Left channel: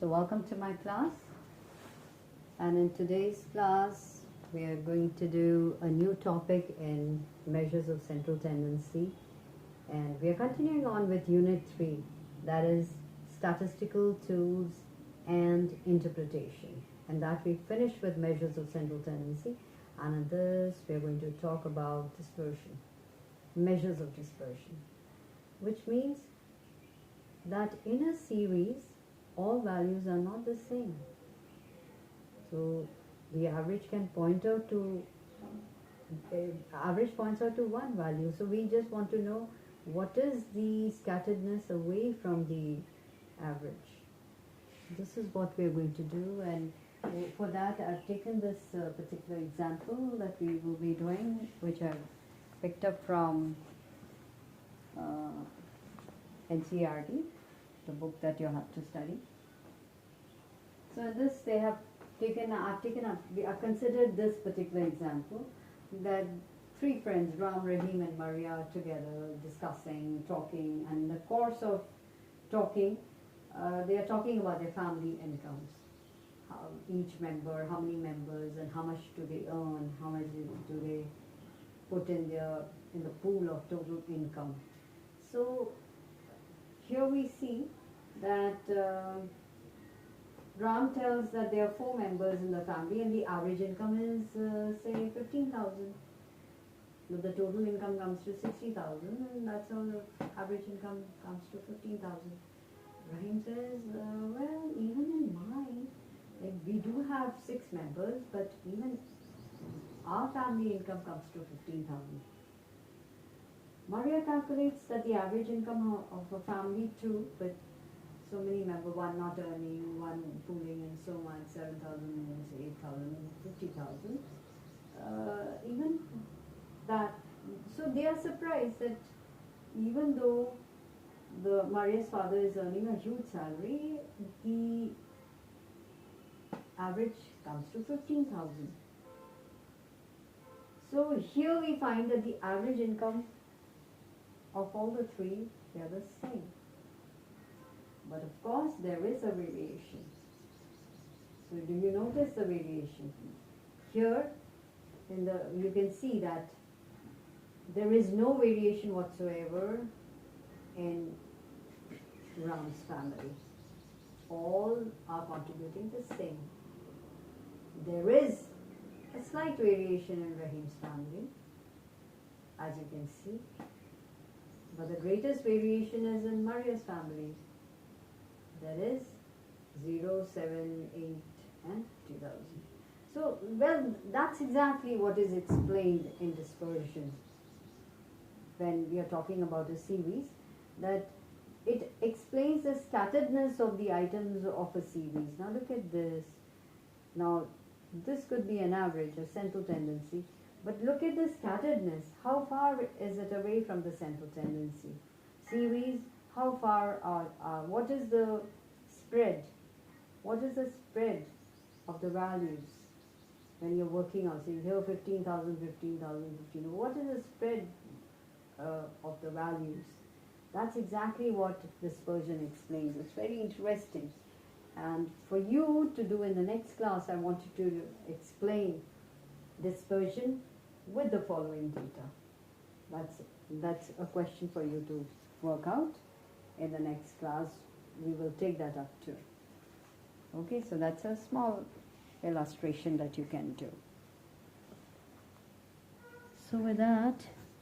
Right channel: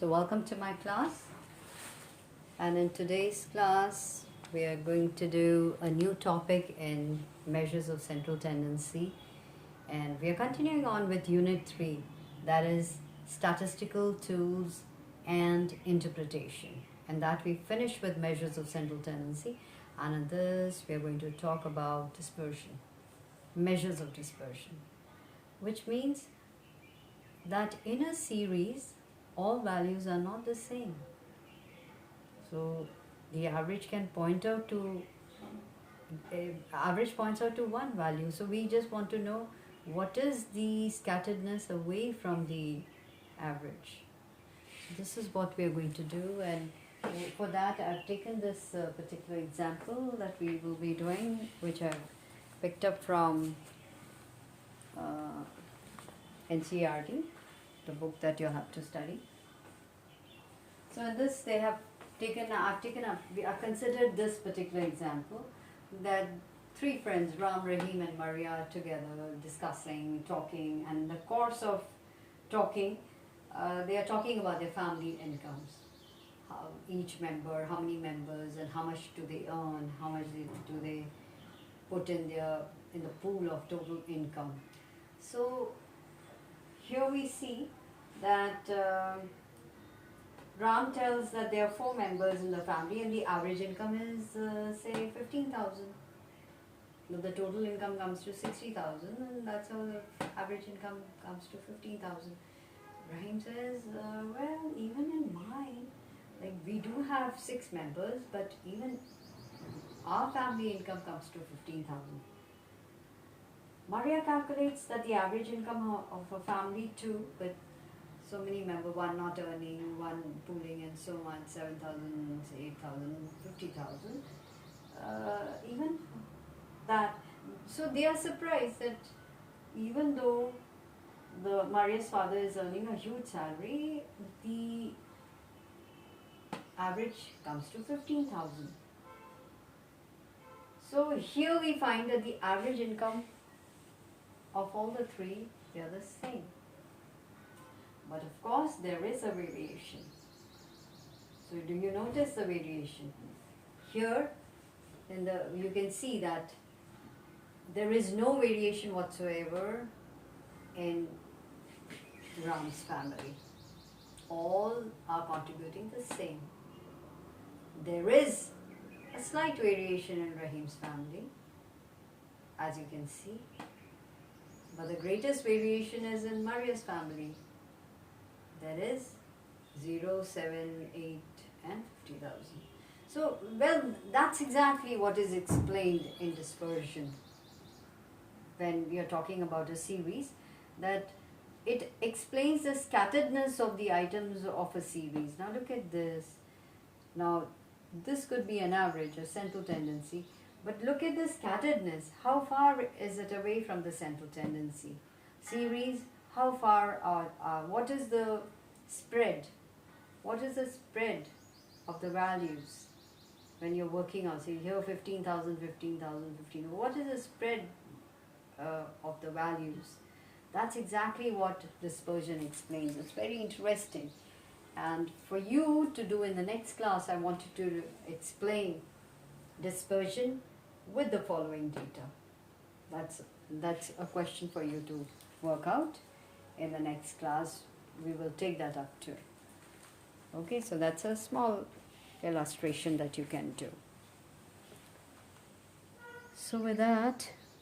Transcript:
So welcome to my class, and in today's class we are going to do a new topic in measures of central tendency, and we are continuing on with unit 3, that is statistical tools and interpretation, and that we finished with measures of central tendency. And in this we are going to talk about dispersion, measures of dispersion, which means that in a series all values are not the same. So the average can point out to average points out to one value. So we just want to know what is the scatteredness away from the average. This is what we are going to do, and for that I've taken this particular example that we will be doing, which I've picked up from NCERT, the book that you have to study. So in this I've considered this particular example, that three friends, Ram, Rahim and Maria, are together discussing, talking, and in the course of talking, they are talking about their family incomes. Each member, how many members, and how much do they earn, how much do they put in the pool of total income. So here we see that Ram tells that there are 4 members in the family and the average income is say 15,000. But the total income comes to 60,000, and that's how the average income comes to 15,000. Rahim says, well, even in mine, like we do have 6 members, but even our family income comes to 15,000. Maria calculates that the average income of a family too, with so many members, one not earning, one pooling, and so on, 7,000, 8,000, 50,000. Even that, so they are surprised that even though Maria's father is earning a huge salary, the average comes to 15,000. So here we find that the average income of all the three, they are the same. But of course there is a variation. So do you notice the variation? Here you can see that there is no variation whatsoever in Ram's family. All are contributing the same. There is a slight variation in Rahim's family, as you can see. But the greatest variation is in Maria's family. That is 0, 7, 8 and 50,000. So, well, that's exactly what is explained in dispersion. When we are talking about a series, that it explains the scatteredness of the items of a series. Now look at this. Now this could be an average, a central tendency, but look at the scatteredness. How far is it away from the central tendency? Series, how far what is the spread? What is the spread of the values when you're working on, say here 15,000, 15,000, 15,000. What is the spread of the values? That's exactly what dispersion explains. It's very interesting. And for you to do in the next class, I want you to explain dispersion with the following data. That's a question for you to work out. In the next class, we will take that up too. Okay, so that's a small illustration that you can do. So with that,